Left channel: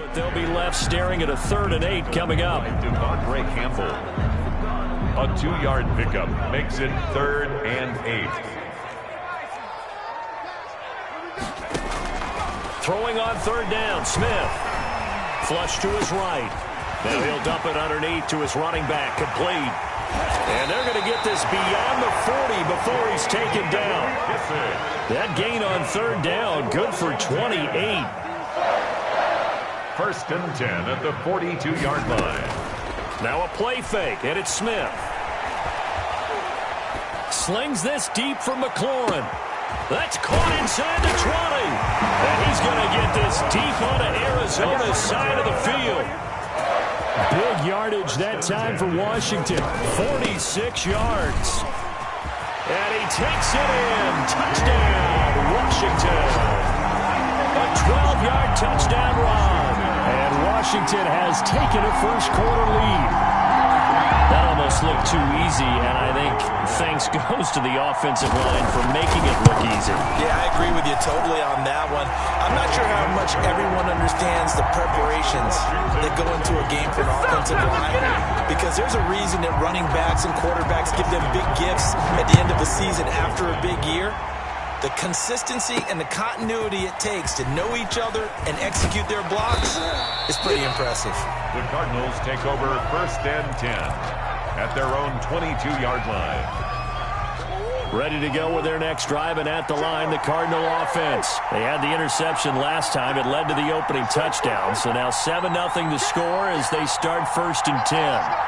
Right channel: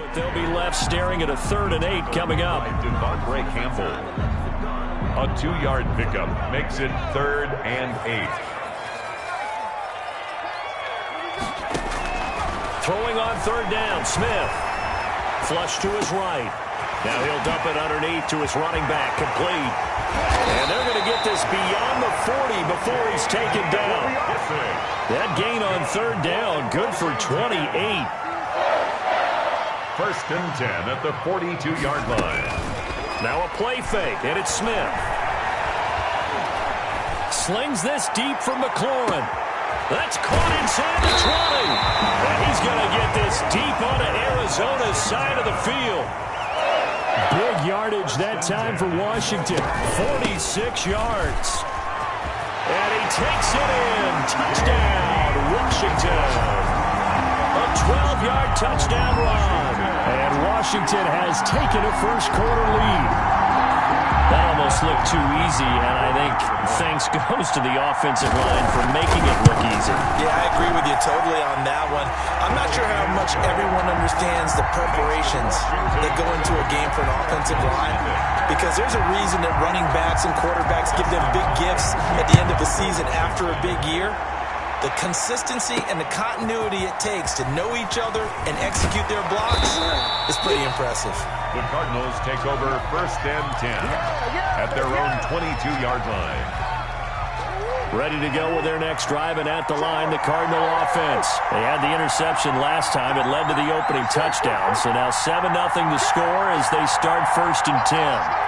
But they'll be left staring at a 3rd and 8 coming up. Devondre Campbell. A 2-yard pickup makes it 3rd and 8. Throwing on 3rd down, Smith. Flush to his right. Now he'll dump it underneath to his running back, complete. And they're going to get this beyond the 40 before he's taken down. That gain on 3rd down, good for 28. 1st and 10 at the 42-yard line. Now a play fake, and it's Smith. Slings this deep from McLaurin. That's caught inside the 20. And he's going to get this deep onto Arizona's side of the field. Big yardage that time for Washington. 46 yards. And he takes it in. Touchdown, Washington. A 12-yard touchdown run. And Washington has taken a first-quarter lead. That almost looked too easy, and I think thanks goes to the offensive line for making it look easy. Yeah, I agree with you totally on that one. I'm not sure how much everyone understands the preparations that go into a game for an offensive line, because there's a reason that running backs and quarterbacks give them big gifts at the end of the season after a big year. The consistency and the continuity it takes to know each other and execute their blocks is pretty impressive. The Cardinals take over 1st and 10 at their own 22-yard line. Ready to go with their next drive, and at the line, the Cardinal offense. They had the interception last time. It led to the opening touchdown. So now 7-0 to score as they start 1st and 10.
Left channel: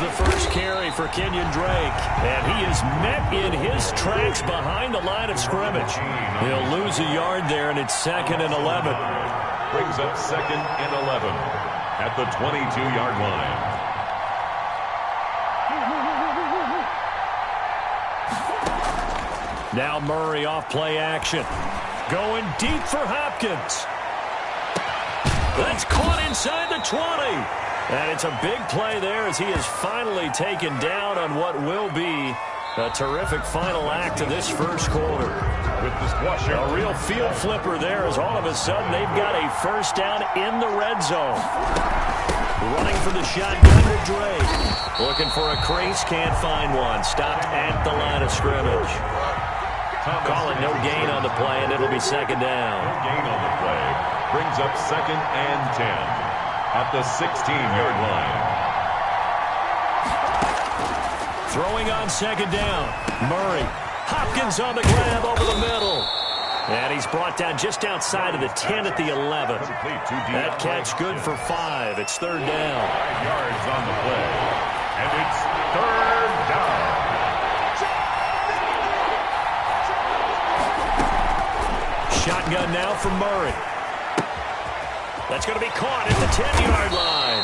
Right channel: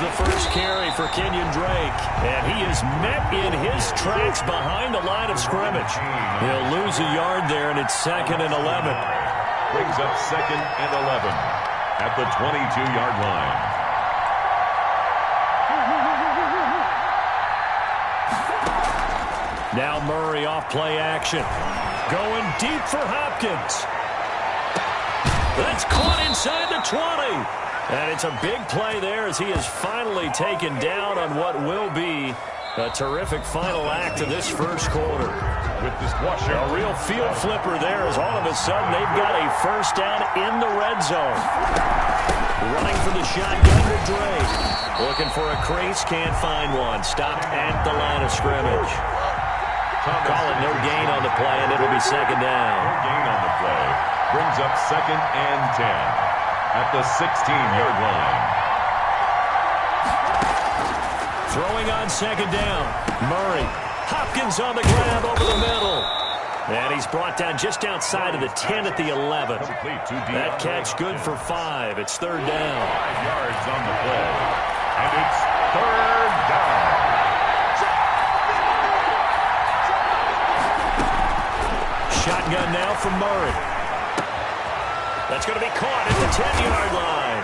The first carry for Kenyon Drake, and he is met in his tracks behind the line of scrimmage. He'll lose a yard there, and it's 2nd and 11. Brings up 2nd and 11 at the 22-yard line. Now Murray off play action. Going deep for Hopkins. That's caught inside the 20. And it's a big play there as he is finally taken down on what will be a terrific final act of this first quarter. With the squasher. A real field flipper there as all of a sudden they've got a first down in the red zone. Running for the shotgun to Drake. Looking for a crease, can't find one. Stopped at the line of scrimmage. Call it no gain on the play, and it'll be 2nd down. No gain on the play. Brings up 2nd and 10. At the 16-yard line. Throwing on 2nd down. Murray. Hopkins on the grab over the middle. And he's brought down just outside of the 10 at the 11. That catch good for 5. It's 3rd down. 5 yards on the play. And it's 3rd down. Shotgun now from Murray. That's going to be caught at the 10-yard line.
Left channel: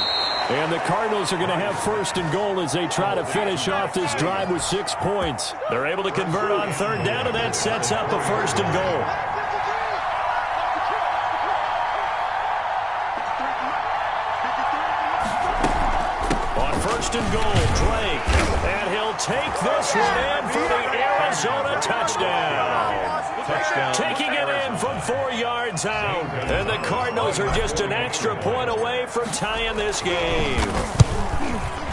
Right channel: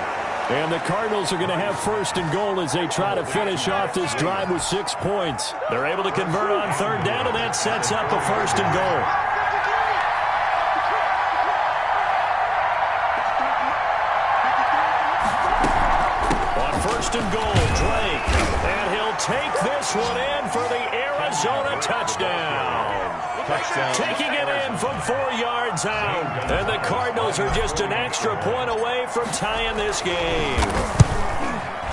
And the Cardinals are going to have 1st and goal as they try to finish off this drive with 6 points. They're able to convert on 3rd down, and that sets up a 1st and goal. On 1st and goal, Drake. And he'll take this one in for the Arizona touchdown. Taking it in from 4 yards out. And the Cardinals are just an extra point away from tying this game.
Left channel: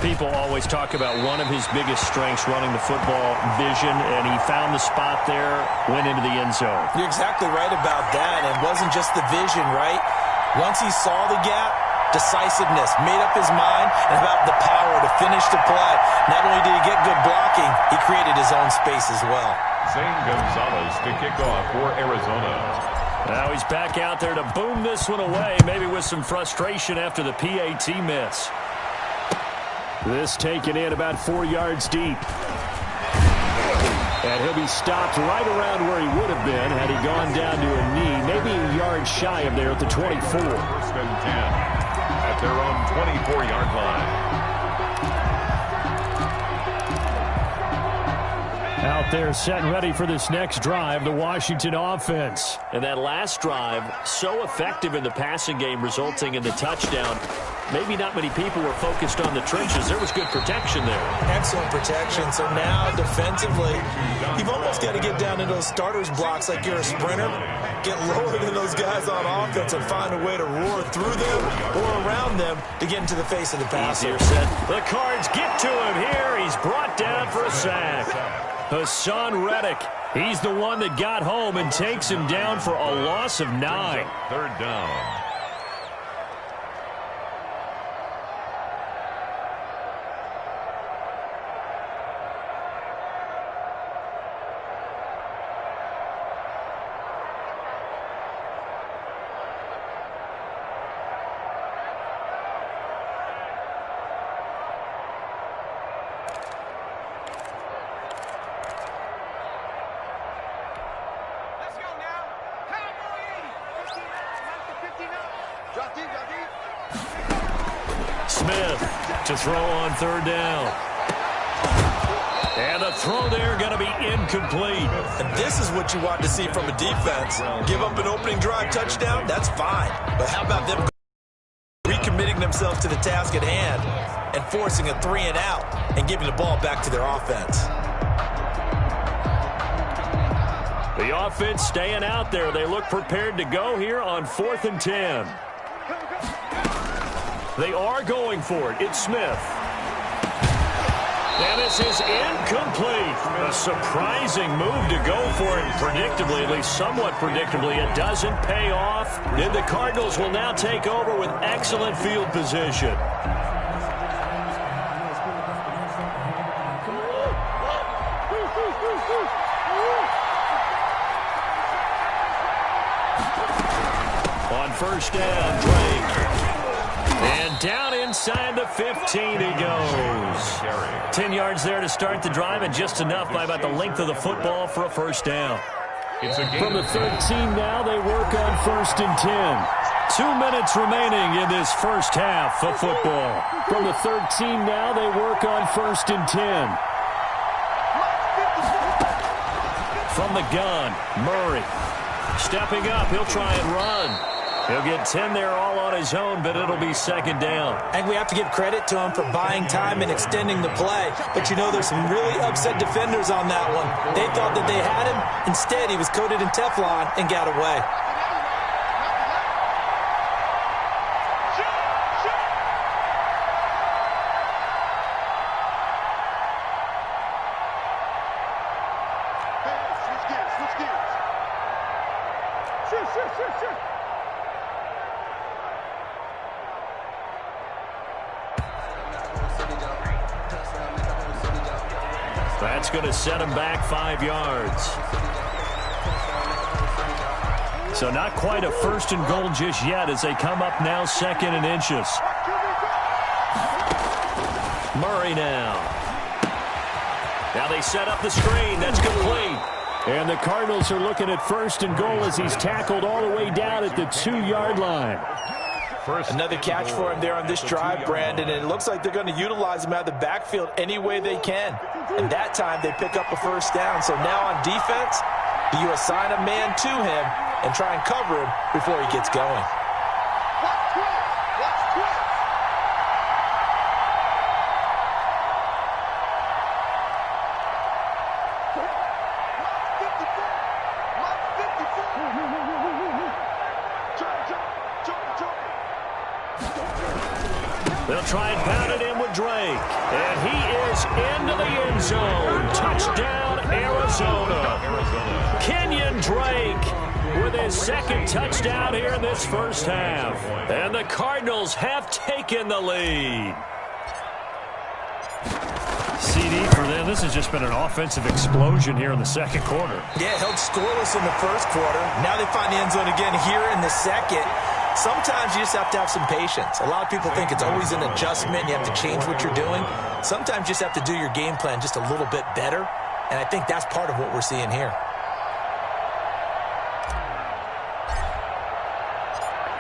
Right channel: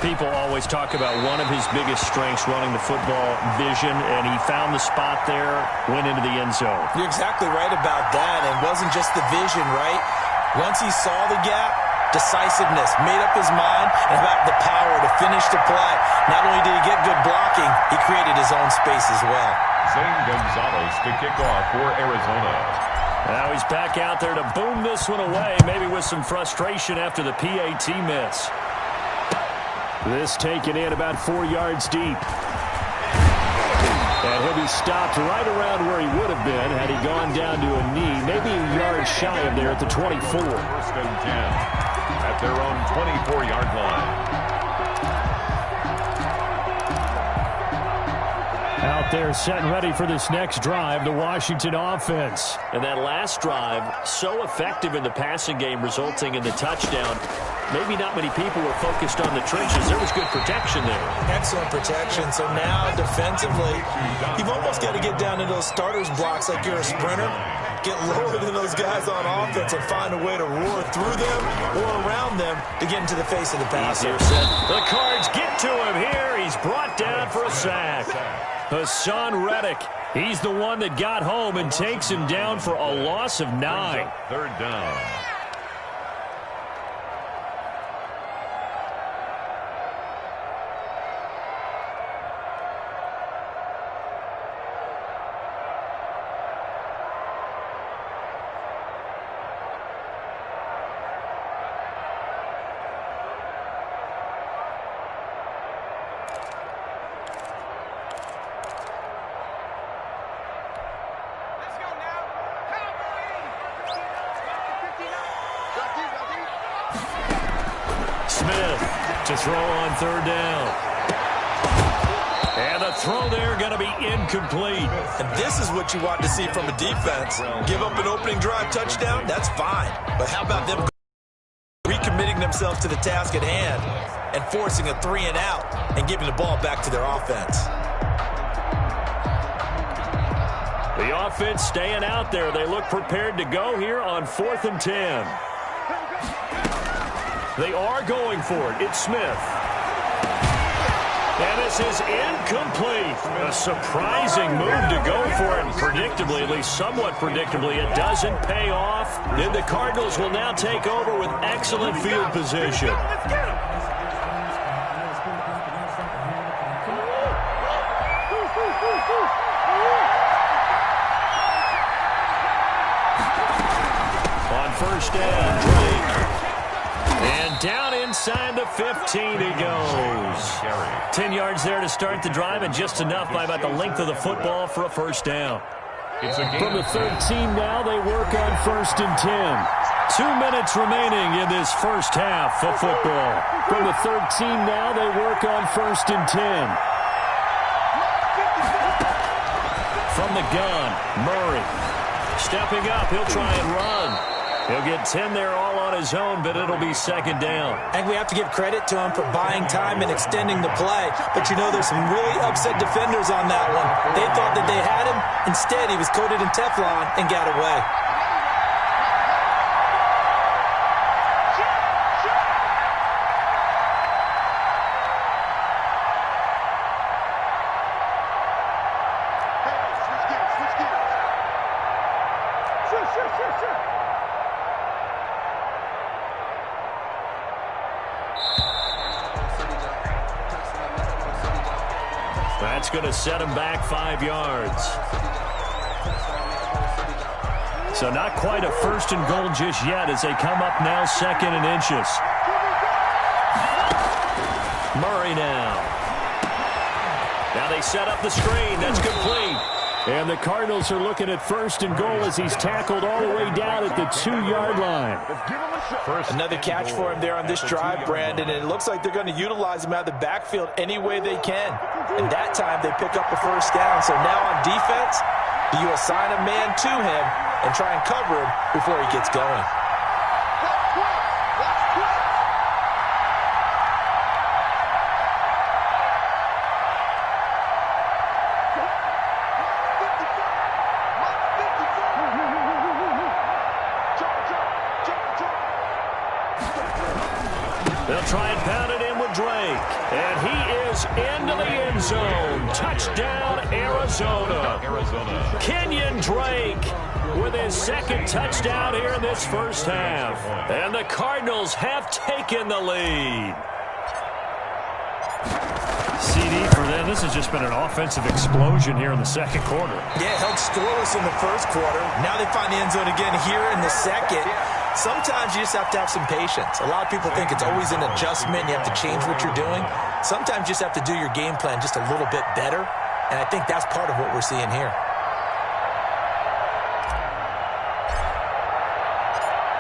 People always talk about one of his biggest strengths running the football, vision, and he found the spot there, went into the end zone. You're exactly right about that. And it wasn't just the vision, right? Once he saw the gap, decisiveness, made up his mind, and about the power to finish the play. Not only did he get good blocking, he created his own space as well. Zane Gonzalez to kick off for Arizona. Now he's back out there to boom this one away, maybe with some frustration after the PAT miss. This taken in about 4 yards deep. And he'll be stopped right around where he would have been had he gone down to a knee, maybe a yard shy of there at the 24. 1st and 10 at their own 24-yard line. Out there set and ready for this next drive, the Washington offense. And that last drive, so effective in the passing game, resulting in the touchdown. Maybe not many people were focused on the trenches. There was good protection there. Excellent protection. So now defensively, you've almost got to get down into those starters blocks like you're a sprinter. Get lower than those guys on offense and find a way to roar through them or around them to get into the face of the passer. Easier said. The Cards get to him here. He's brought down for a sack. Hassan Reddick, he's the one that got home and takes him down for a loss of 9. Third down. Smith to throw on third down. And the throw there going to be incomplete. And this is what you want to see from a defense. Give up an opening drive touchdown, that's fine. But how about them recommitting themselves to the task at hand and forcing a 3-and-out and giving the ball back to their offense? The offense staying out there. They look prepared to go here on 4th and 10. They are going for it. It's Smith. And this is incomplete. A surprising move to go for it. And predictably, at least somewhat predictably, it doesn't pay off. Then the Cardinals will now take over with excellent field position. On first down, Drake. And down inside the 15 he goes. 10 yards there to start the drive, and just enough by about the length of the football for a first down. From the 13 now, they work on 1st and 10. 2 minutes remaining in this first half of football. From the 13 now, they work on 1st and 10. From the gun, Murray. Stepping up, he'll try and run. He'll get 10 there all on his own, but it'll be second down. I think we have to give credit to him for buying time and extending the play. But, you know, there's some really upset defenders on that one. They thought that they had him. Instead, he was coated in Teflon and got away. That's going to set him back 5 yards. So not quite a 1st and goal just yet as they come up now 2nd and inches. Murray now. Now they set up the screen. That's complete. And the Cardinals are looking at 1st and goal as he's tackled all the way down at the 2-yard line. Another catch for him there on this drive, Brandon, and it looks like they're going to utilize him out of the backfield any way they can. And that time they pick up a first down. So now on defense, do you assign a man to him and try and cover him before he gets going? They'll try and pound it in with Drake. And he is into the end zone. Touchdown, Arizona. Kenyon Drake with his 2nd touchdown here in this first half. And the Cardinals have taken the lead. CD for them. This has just been an offensive explosion here in the 2nd quarter. Yeah, held scoreless in the 1st quarter. Now they find the end zone again here in the 2nd. Sometimes you just have to have some patience. A lot of people think it's always an adjustment. You have to change what you're doing. Sometimes you just have to do your game plan just a little bit better. And I think that's part of what we're seeing here.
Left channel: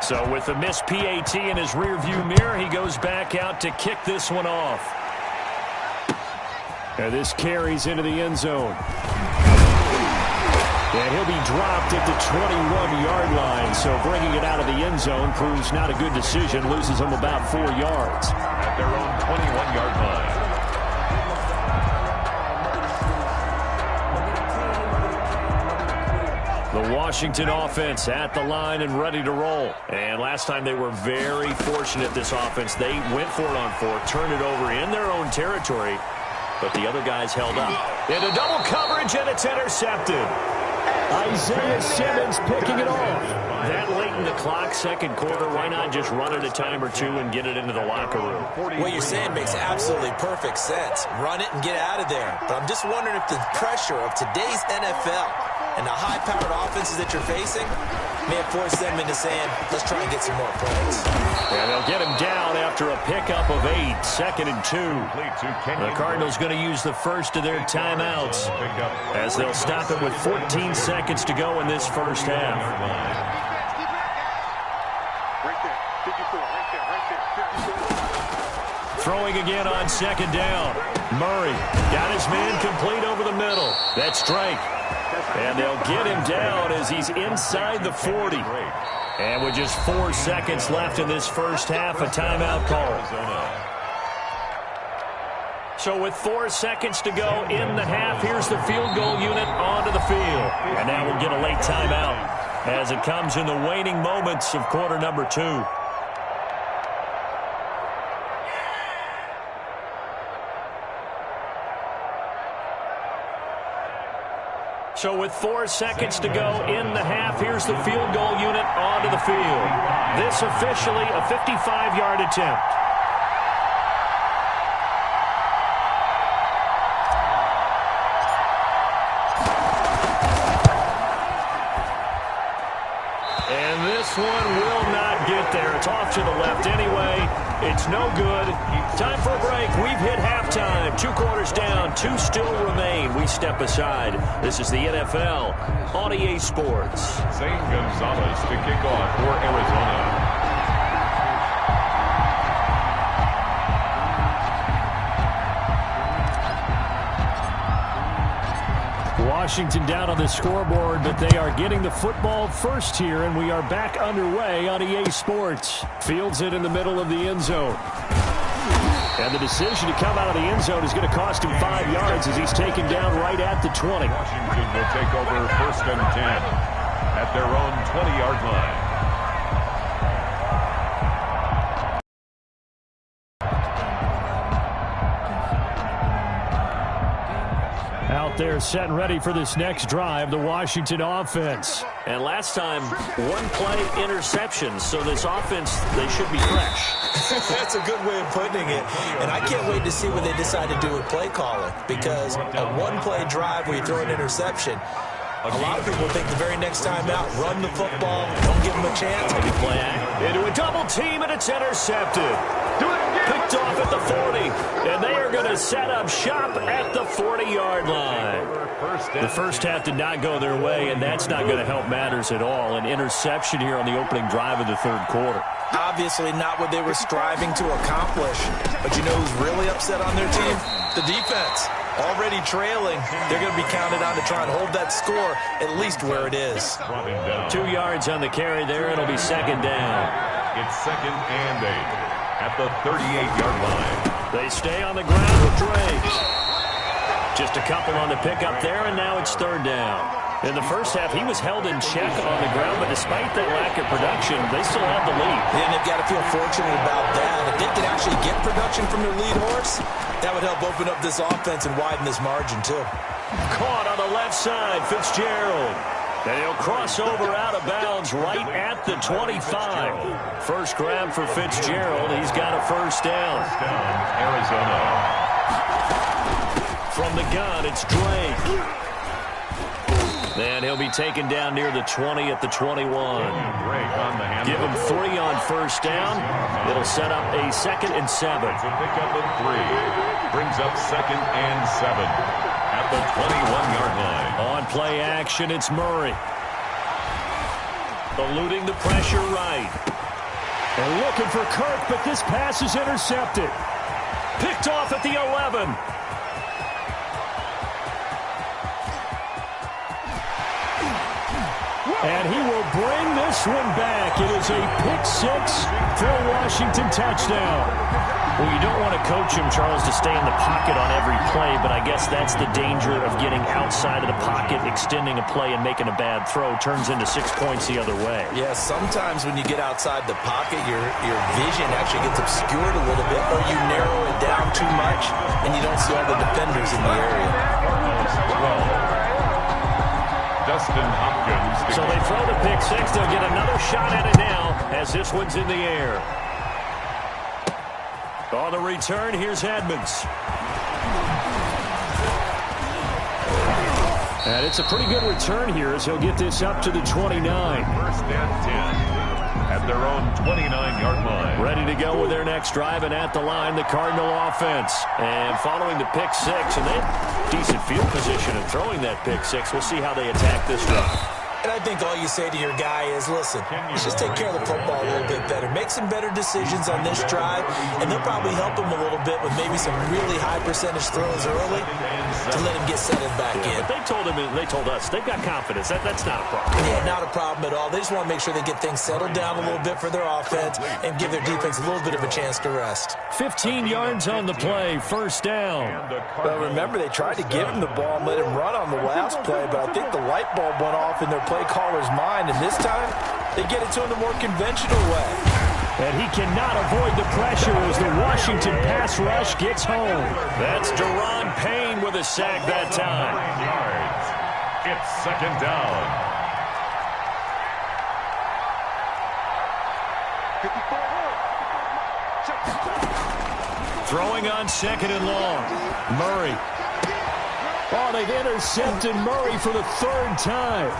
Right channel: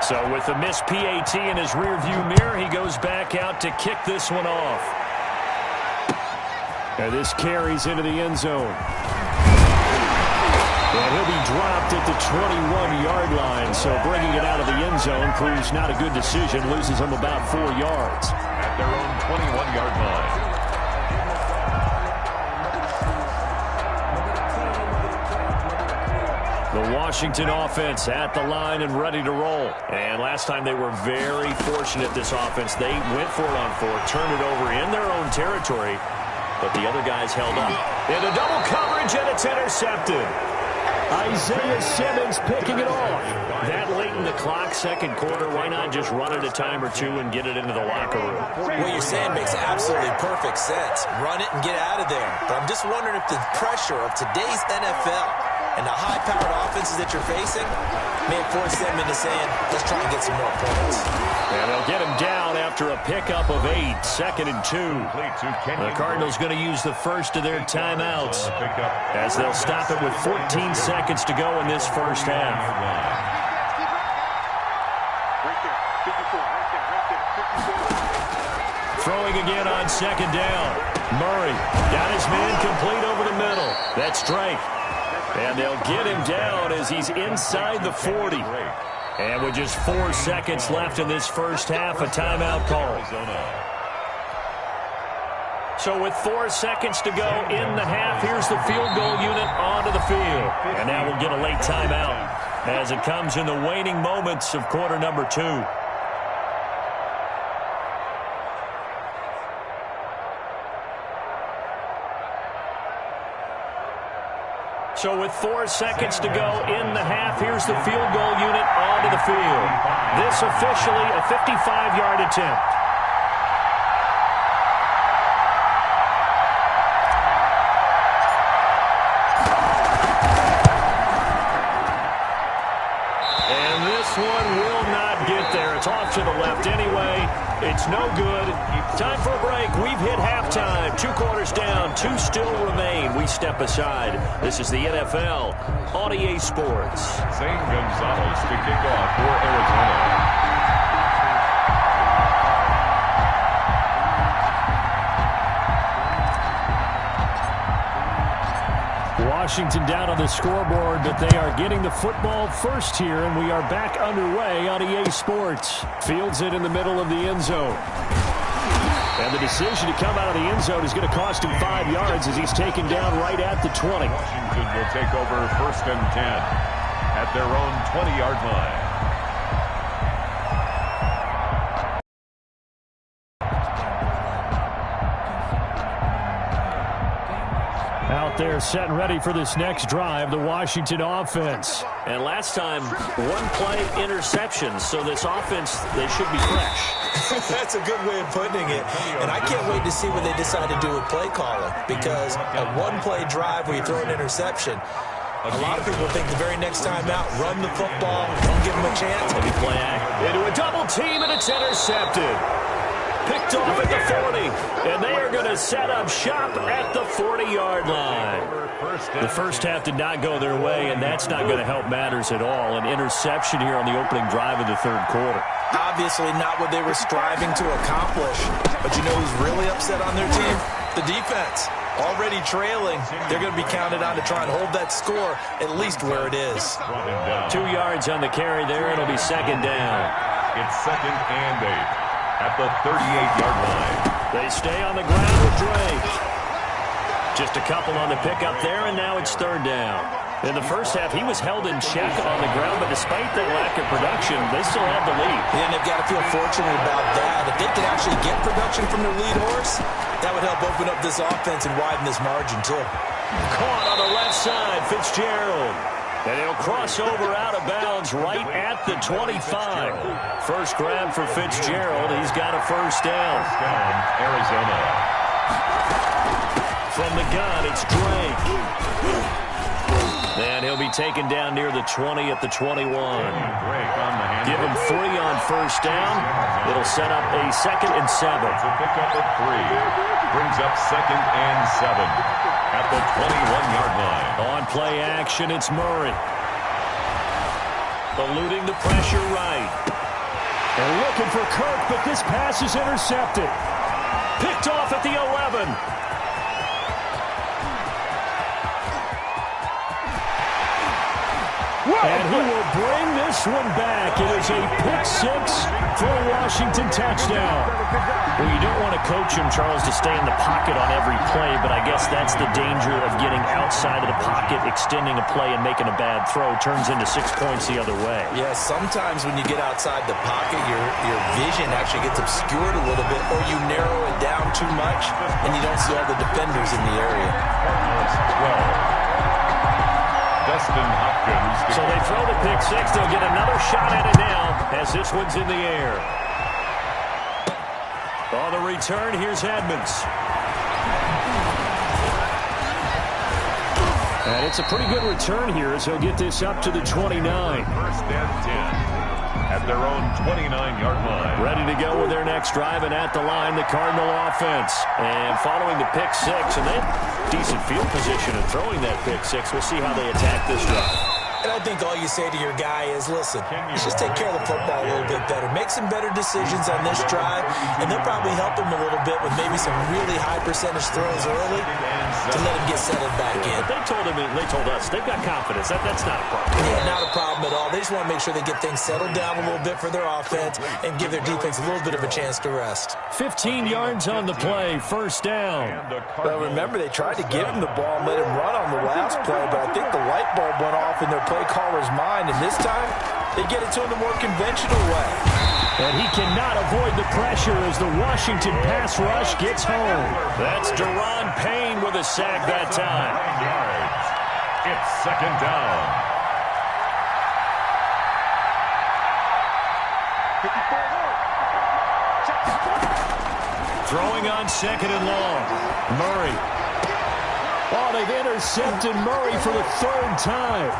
So with the missed PAT in his rearview mirror, he goes back out to kick this one off. And this carries into the end zone. And he'll be dropped at the 21-yard line. So bringing it out of the end zone proves not a good decision. Loses him about 4 yards. At their own 21-yard line. The Washington offense at the line and ready to roll. And last time they were very fortunate, this offense. They went for it on 4, turned it over in their own territory, but the other guys held up. Into double coverage, and it's intercepted. Isaiah Simmons picking it off. That late in the clock, second quarter, why not just run it a time or two and get it into the locker room? What you're saying makes absolutely perfect sense. Run it and get out of there. But I'm just wondering if the pressure of today's NFL and the high-powered offenses that you're facing may have forced them into saying, let's try and get some more points. And they'll get him down after a pickup of 8, 2nd and 2. The Cardinals going to use the first of their timeouts as they'll stop it with 14 seconds to go in this first half. Right there, 54, right there, 54. Throwing again on second down. Murray got his man complete over the middle. That's Drake. And they'll get him down as he's inside the 40. And with just 4 seconds left in this first half, a timeout call. So with 4 seconds to go in the half, here's the field goal unit onto the field. And now we'll get a late timeout as it comes in the waning moments of quarter number 2. So with 4 seconds to go in the half, here's the field goal unit onto the field. This officially a 55-yard attempt. And this one will not get there. It's off to the left anyway. It's no good. Time for a break. We've hit halftime. 2 quarters down. 2 still remain. We step aside. This is the NFL on EA Sports. Zane Gonzalez to kick off for Arizona. Washington down on the scoreboard, but they are getting the football first here, and we are back underway on EA Sports. Fields it in the middle of the end zone. And the decision to come out of the end zone is going to cost him 5 yards as he's taken down right at the 20. Washington will take over 1st and 10 at their own 20-yard line. Out there set and ready for this next drive, the Washington offense. And last time, 1 play interception, so this offense, they should be fresh. That's a good way of putting it. And I can't wait to see what they decide to do with play calling, because a 1-play drive where you throw an interception, a lot of people think the very next time out, run the football, don't give them a chance. Maybe play act into a double team, and it's intercepted. Picked off at the 40, and they are going to set up shop at the 40-yard line. The first half did not go their way, and that's not going to help matters at all. An interception here on the opening drive of the 3rd quarter. Obviously not what they were striving to accomplish. But you know who's really upset on their team? The defense. Already trailing, they're going to be counted on to try and hold that score at least where it is. 2 yards on the carry there. It'll be 2nd down. It's 2nd and 8 at the 38-yard line. They stay on the ground with Drake. Just a couple on the pickup there, and now it's 3rd down. In the first half, he was held in check on the ground, but despite that lack of production, they still have the lead. Yeah, and they've got to feel fortunate about that. If they could actually get production from their lead horse, that would help open up this offense and widen this margin, too. Caught on the left side, Fitzgerald. And he'll cross over out of bounds right at the 25. First grab for Fitzgerald. He's got a 1st down. First down, Arizona. From the gun, it's Drake. And he'll be taken down near the 20 at the 21. Give him 3 on 1st down. It'll set up a 2nd and 7. It's a pickup of 3. Brings up 2nd and 7 at the 21-yard line. On play action, it's Murray. Eluding the pressure right. And looking for Kirk, but this pass is intercepted. Picked off at the 11. And he will bring this one back. It is a pick-6 for a Washington touchdown. Well, you don't want to coach him, Charles, to stay in the pocket on every play, but I guess that's the danger of getting outside of the pocket, extending a play, and making a bad throw. Turns into 6 points the other way. Yeah, sometimes when you get outside the pocket, your vision actually gets obscured a little bit, or you narrow it down too much, and you don't see all the defenders in the area. 12. Dustin Hopkins. So they throw the pick-6. They'll get another shot at it now as this one's in the air. On the return, here's Edmonds. And it's a pretty good return here as he'll get this up to the 29. First and 10 at their own 29-yard line. Ready to go with their next drive, and at the line, the Cardinal offense. And following the pick-6, and they have decent field position in throwing that pick-6. We'll see how they attack this drive. And I think all you say to your guy is, listen, let's just take care of the football a little bit better. Make some better decisions on this drive, and they'll probably help him a little bit with maybe some really high percentage throws early to let him get settled back in. But they told him, and they told us, they've got confidence. That's not a problem. Yeah, not a problem at all. They just want to make sure they get things settled down a little bit for their offense and give their defense a little bit of a chance to rest. 15 yards on the play, first down. Well, remember, they tried to give him the ball and let him run on the last play, but I think the light bulb went off in their play caller's mind, and this time they get it to him the more conventional way. And he cannot avoid the pressure as the Washington pass rush gets home. That's Deron Payne with a sack that time. 9 yards. It's second down. 54. Throwing on second and long. Murray. Oh, they've intercepted Murray for the third time.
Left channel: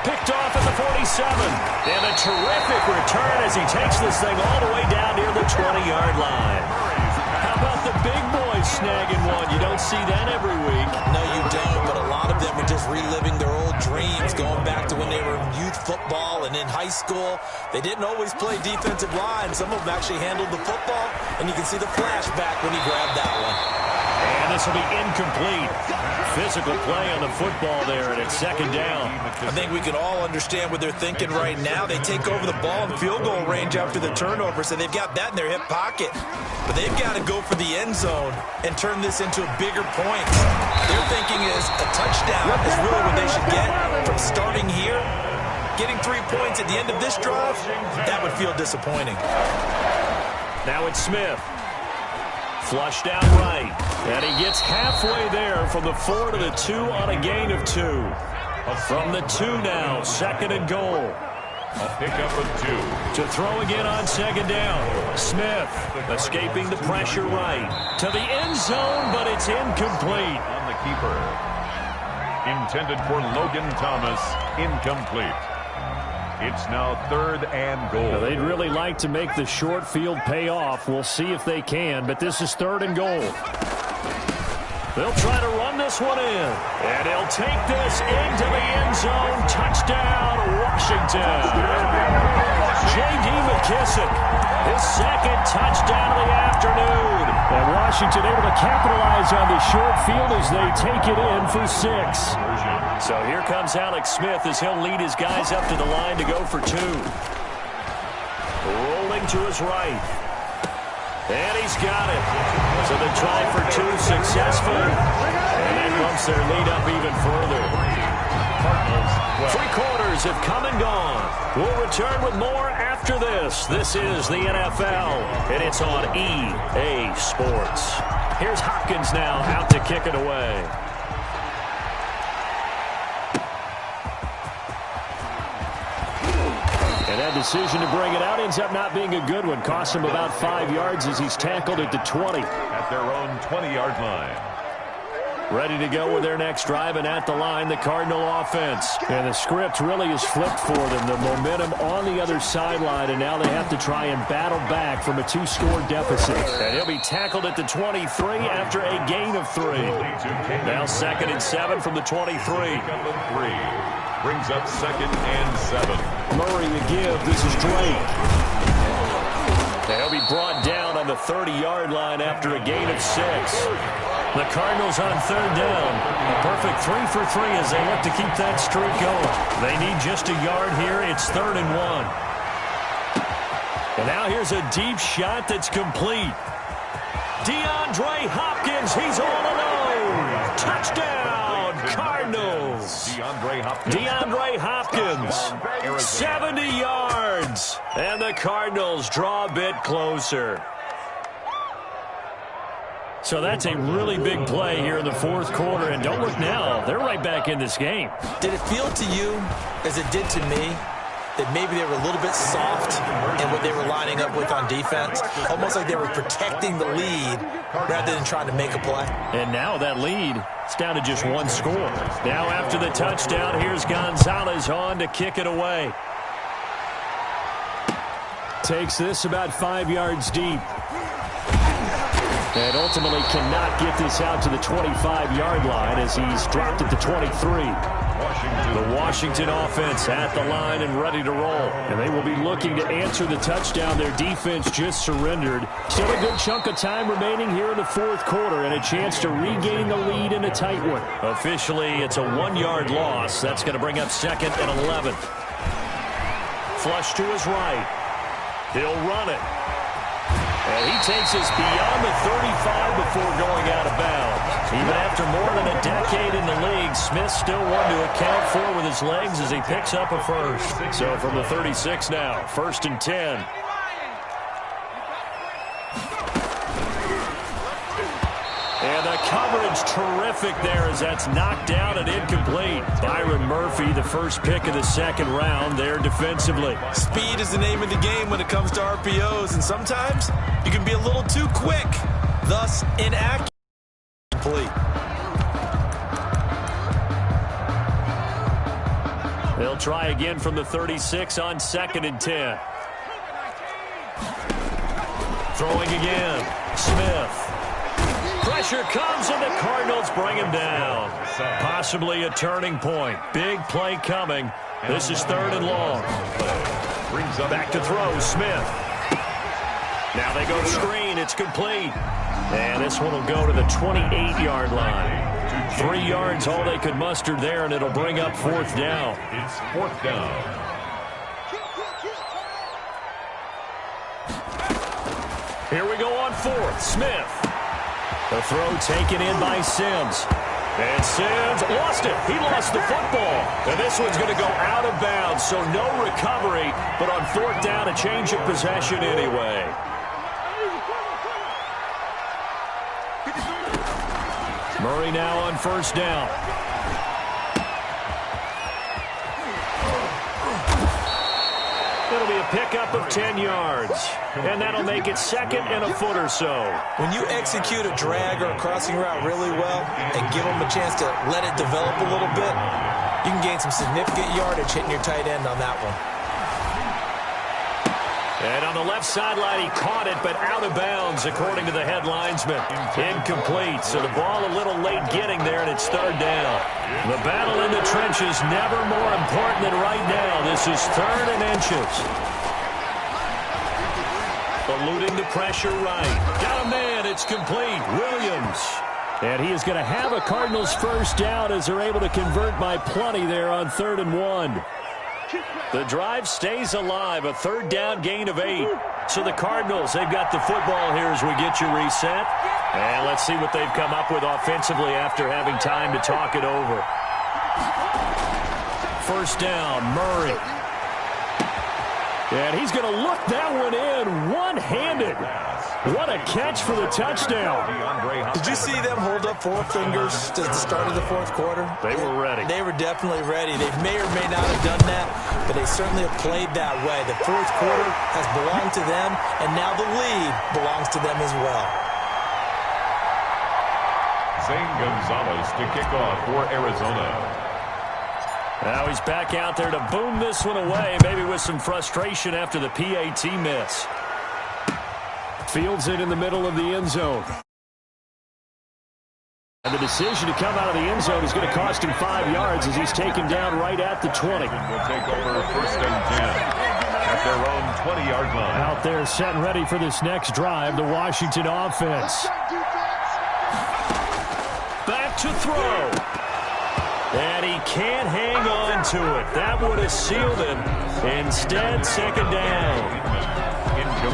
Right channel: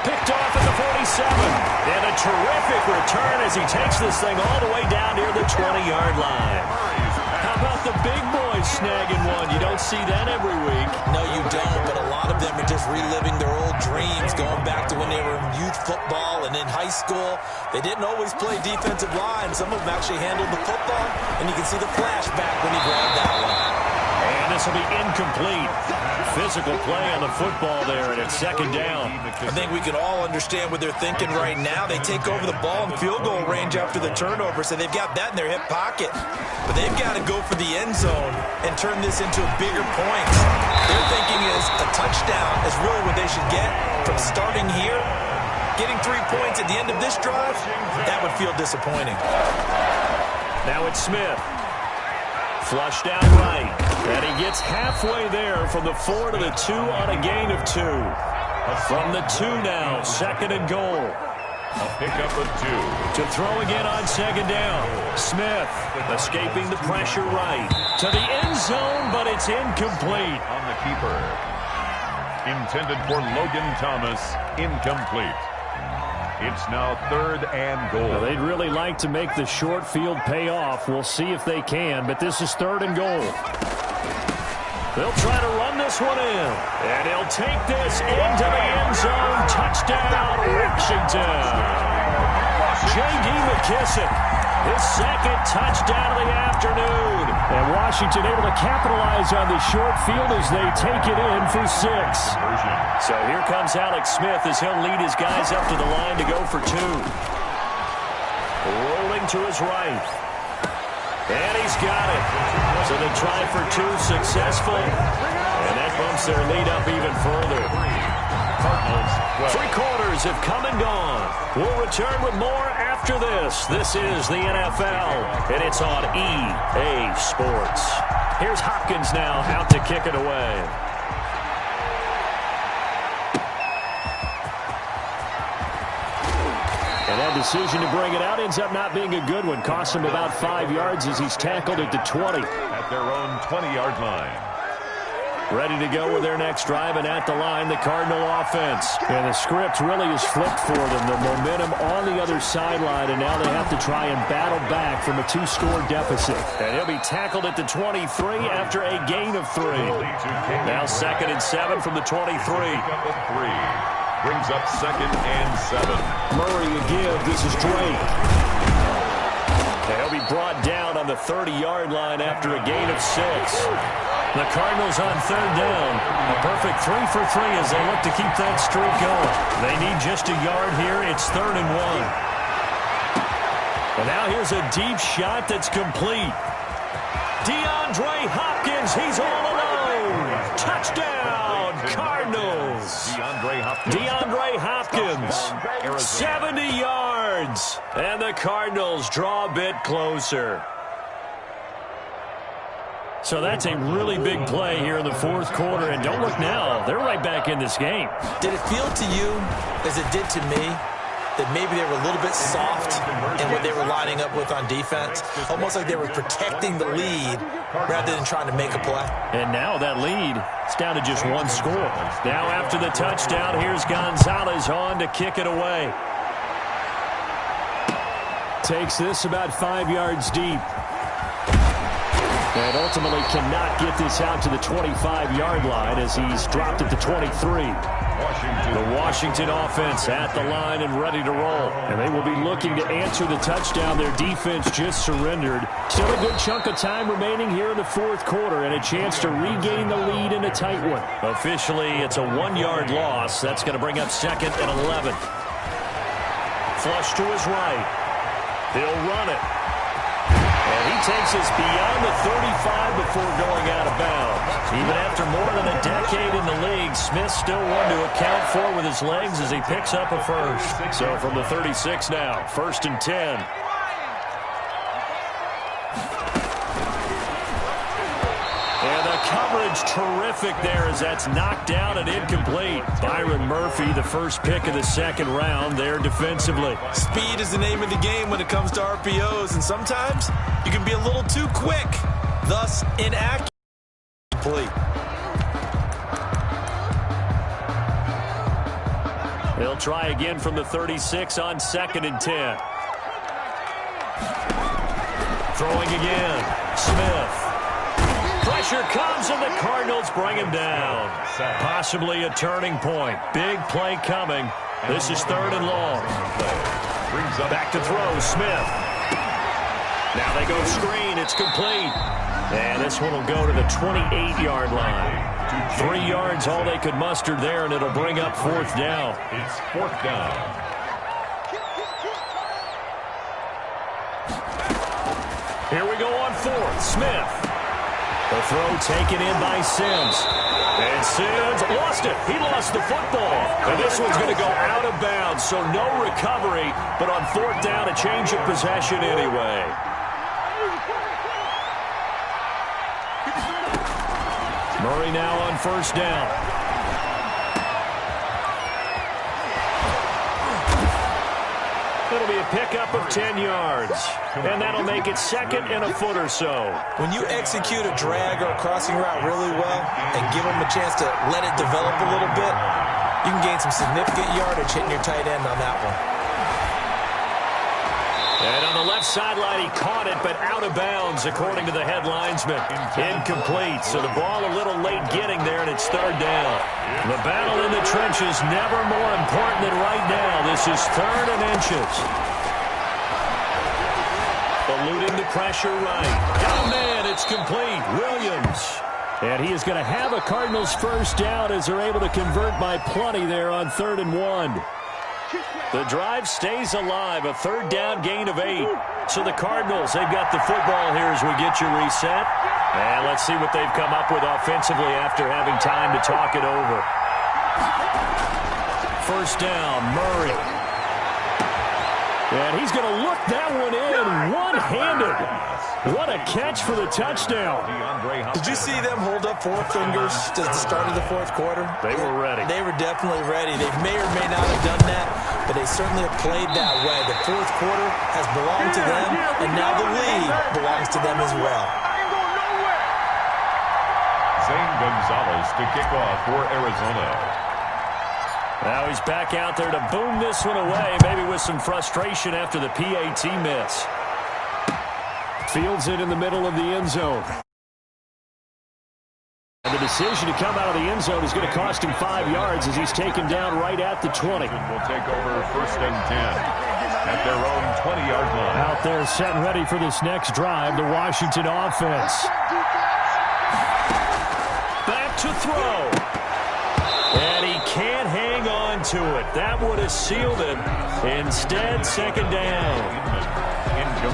Picked off at the 47. And a terrific return as he takes this thing all the way down near the 20-yard line. How about the big boys snagging one? You don't see that every week. No, you don't, but a lot of them are just reliving their old dreams, going back to when they were in youth football and in high school. They didn't always play defensive line. Some of them actually handled the football, and you can see the flashback when he grabbed that one. And this will be incomplete. Physical play on the football there, and it's second down. I think we can all understand what they're thinking right now. They take over the ball in field goal range after the turnover, so they've got that in their hip pocket. But they've got to go for the end zone and turn this into a bigger point. Their thinking is a touchdown is really what they should get from starting here. Getting 3 points at the end of this drive, that would feel disappointing. Now it's Smith. Flushed out right. And he gets halfway there from the 4 to the 2 on a gain of 2. From the 2 now, second and goal. A pickup of 2. To throw again on second down. Smith escaping the pressure right. To the end zone, but it's incomplete. On the keeper. Intended for Logan Thomas. Incomplete. It's now third and goal. Now, they'd really like to make the short field pay off. We'll see if they can, but this is third and goal. They'll try to run this one in. And he'll take this into the end zone. Touchdown, Washington. J.D. McKissick. His second touchdown of the afternoon. And Washington able to capitalize on the short field as they take it in for 6. So here comes Alex Smith as he'll lead his guys up to the line to go for 2. Rolling to his right. And he's got it. So the try for 2 successful. And that bumps their lead up even further. Cardinals, 3 quarters have come and gone. We'll return with more after this. This is the NFL, and it's on EA Sports. Here's Hopkins now out to kick it away. And that decision to bring it out ends up not being a good one. Costs him about 5 yards as he's tackled at the 20. At their own 20-yard line. Ready to go with their next drive, and at the line, the Cardinal offense. And the script really is flipped for them. The momentum on the other sideline, and now they have to try and battle back from a 2-score deficit. And he'll be tackled at the 23 after a gain of 3. Now second and 7 from the 23. Brings up second and 7. Murray a give. This is Drake. They'll be brought down on the 30-yard line after a gain of 6. The Cardinals on third down. A perfect 3 for 3 as they look to keep that streak going. They need just a yard here. It's 3rd and 1. And now here's a deep shot that's complete. DeAndre Hopkins, he's all alone. Touchdown, Cardinals. DeAndre Hopkins, 70 yards. And the Cardinals draw a bit closer. So that's a really big play here in the fourth quarter. And don't look now, they're right back in this game. Did it feel to you, as it did to me, that maybe they were a little bit soft in what they were lining up with on defense? Almost like they were protecting the lead rather than trying to make a play. And now that lead is down to just one score. Now after the touchdown, here's Gonzalez on to kick it away. Takes this about 5 yards deep. And ultimately cannot get this out to the 25-yard line as he's dropped at the 23. The Washington offense at the line and ready to roll. And they will be looking to answer the touchdown their defense just surrendered. Still a good chunk of time remaining here in the fourth quarter and a chance to regain the lead in a tight one. Officially, it's a 1-yard loss. That's going to bring up 2nd and 11. Flush to his right. He'll run it. And he takes us beyond the 35 before going out of bounds. Even after more than a decade in the league, Smith still one to account for with his legs as he picks up a first. So from the 36 now, 1st and 10. And the coverage terrific there as that's knocked down and incomplete. Byron Murphy, the first pick of the second round there defensively. Speed is the name of the game when it comes to RPOs, and sometimes you can be a little too quick, thus inaccurate. They'll try again from the 36 on 2nd and 10. Throwing again. Smith. Pressure comes, and the Cardinals bring him down. Possibly a turning point. Big play coming. This is 3rd and long. Back to throw, Smith. Now they go screen. It's complete. And this one will go to the 28-yard line. 3 yards, all they could muster there, and it'll bring up 4th down. It's 4th down. Here we go on 4th. Smith. The throw taken in by Sims. And Sims lost it. He lost the football. And this one's going to go out of bounds, so no recovery. But on 4th down, a change of possession anyway. Murray now on 1st down. It'll be a pickup of 10 yards. And that'll make it 2nd and a foot or so. When you execute a drag or a crossing route really well and give them a chance to let it develop a little bit, you can gain some significant yardage hitting your tight end on that one. And on the left sideline, he caught it, but out of bounds, according to the head linesman. Incomplete, so the ball a little late getting there, and it's 3rd down. The battle in the trenches never more important than right now. This is 3rd and inches. Eluding the pressure right. Got a man, it's complete. Williams. And he is going to have a Cardinals first down as they're able to convert by plenty there on 3rd and 1. The drive stays alive, a 3rd down gain of 8. So the Cardinals, they've got the football here as we get you reset. And let's see what they've come up with offensively after having time to talk it over. 1st down, Murray. And he's going to look that one in one-handed. What a catch for the touchdown. Did you see them hold up 4 fingers at the start of the fourth quarter? They were ready. They were definitely ready. They may or may not have done that, but they certainly have played that way. The fourth quarter has belonged to them, and now the lead belongs to them as well. Zane Gonzalez to kick off for Arizona. Now he's back out there to boom this one away, maybe with some frustration after the PAT miss. Fields it in the middle of the end zone. And the decision to come out of the end zone is going to cost him 5 yards as he's taken down right at the 20. Will take over 1st and 10 at their own 20-yard line. Out there set and ready for this next drive, the Washington offense. to throw. And he can't hang on to it. That would have sealed it. Instead, second down.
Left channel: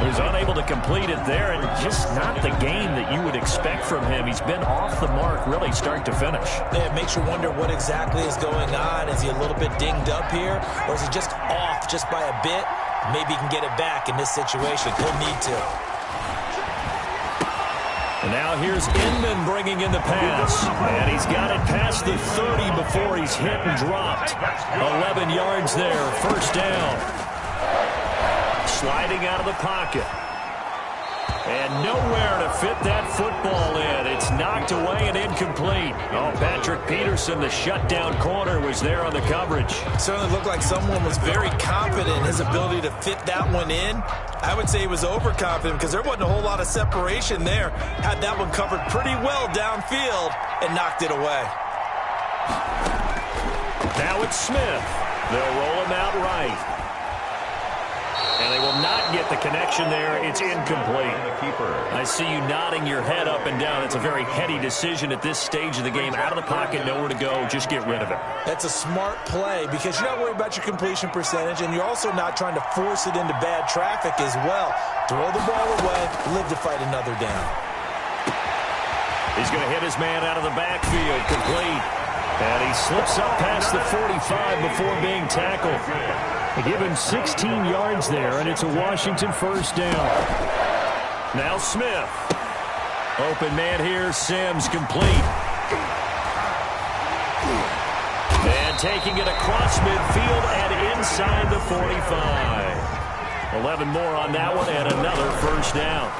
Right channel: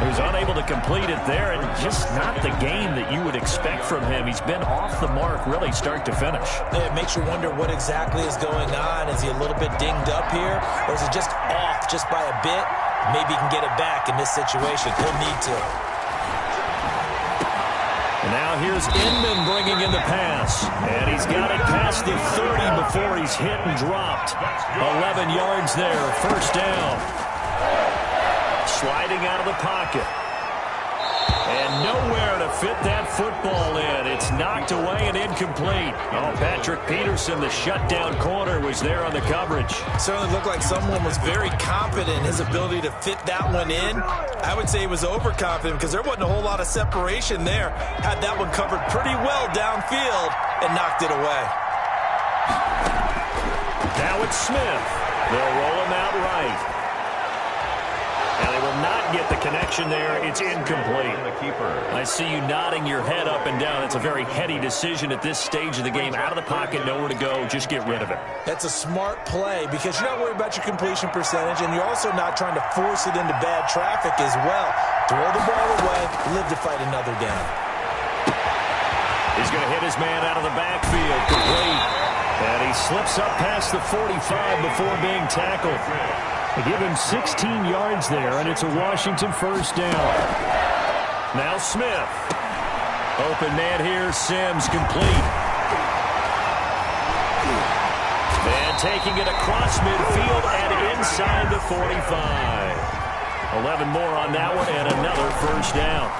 He's unable to complete it there, and just not the game that you would expect from him. He's been off the mark really start to finish. Yeah, it makes you wonder what exactly is going on. Is he a little bit dinged up here, or is it just off just by a bit? Maybe he can get it back in this situation. He'll need to. And now here's Inman bringing in the pass. And he's got it past the 30 before he's hit and dropped. 11 yards there, first down. Sliding out of the pocket. And nowhere to fit that football in. It's knocked away and incomplete. Oh, Patrick Peterson, the shutdown corner, was there on the coverage. Certainly looked like someone was very confident in his ability to fit that one in. I would say he was overconfident because there wasn't a whole lot of separation there. Had that one covered pretty well downfield and knocked it away. Now it's Smith. They'll roll him out right. And they will not get the connection there. It's incomplete. I see you nodding your head up and down. It's a very heady decision at this stage of the game. Out of the pocket, nowhere to go. Just get rid of it. That's a smart play because you're not worried about your completion percentage, and you're also not trying to force it into bad traffic as well. Throw the ball away, live to fight another down. He's going to hit his man out of the backfield. Complete. And he slips up past the 45 before being tackled. They give him 16 yards there, and it's a Washington first down. Now Smith. Open man here, Sims, complete. And taking it across midfield and inside the 45. 11 more on that one, and another first down.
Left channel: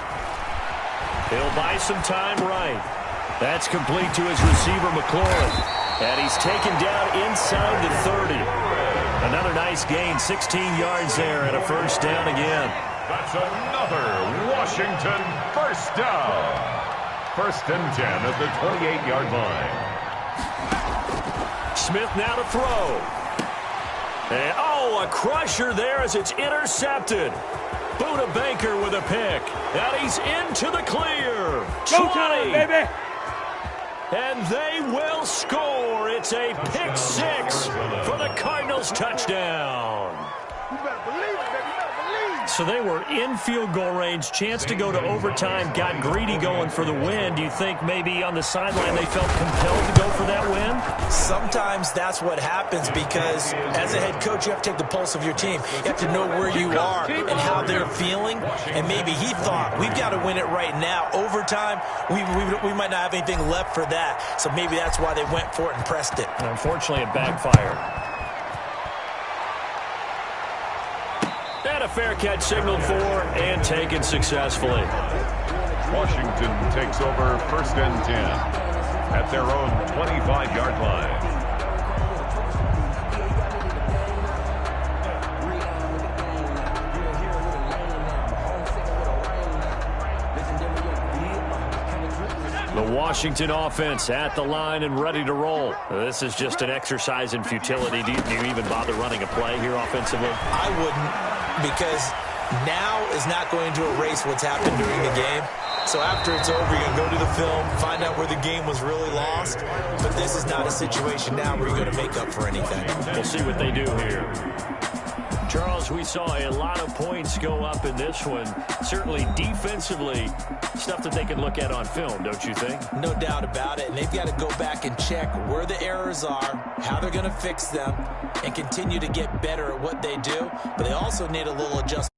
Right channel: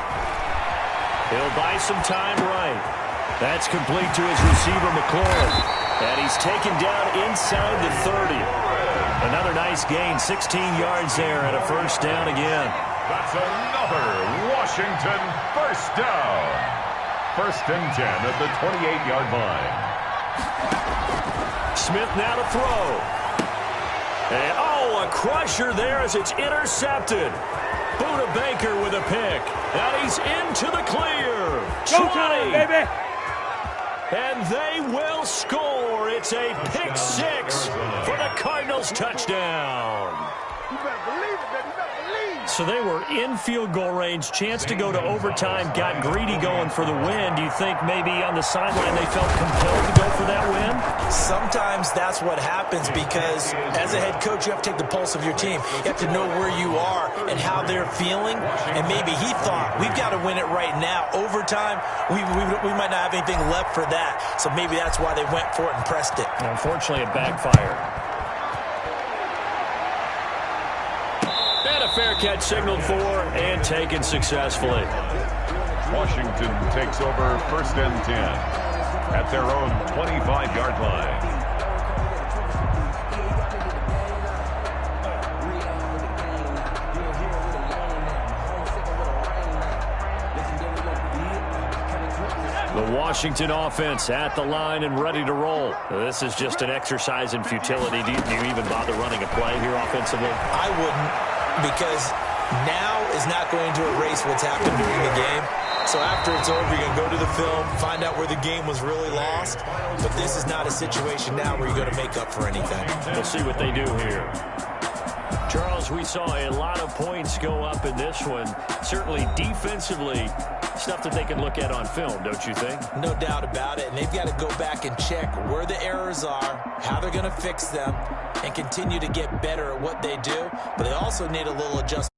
He'll buy some time right. That's complete to his receiver, McLaurin. And he's taken down inside the 30. Another nice gain, 16 yards there, and a first down again. That's another Washington first down. First and 10 at the 28-yard line. Smith now to throw. And, oh, a crusher there as it's intercepted. Buda Baker with a pick. And he's into the clear. 20. Go time, baby. And they will score. It's a pick six for the Cardinals touchdown. You better believe it, baby. You better believe it. So they were in field goal range, chance to go to overtime, got greedy going for the win. Do you think maybe on the sideline they felt compelled to go for that win? Sometimes that's what happens because as a head coach, you have to take the pulse of your team. You have to know where you are and how they're feeling. And maybe he thought, we've got to win it right now. Overtime, we might not have anything left for that. So maybe that's why they went for it and pressed it. Unfortunately, it backfired. And a fair catch signaled for and taken successfully. Washington takes over first and 10 at their own 25-yard line. The Washington offense at the line and ready to roll. This is just an exercise in futility. Do you even bother running a play here offensively? I wouldn't, because now is not going to erase what's happened during the game. So after it's over, you're going to go to the film, find out where the game was really lost. But this is not a situation now where you're going to make up for anything. We'll see what they do here. Charles, we saw a lot of points go up in this one. Certainly defensively, stuff that they can look at on film, don't you think? No doubt about it. And they've got to go back and check where the errors are, how they're going to fix them, and continue to get better at what they do. But they also need a little adjustment.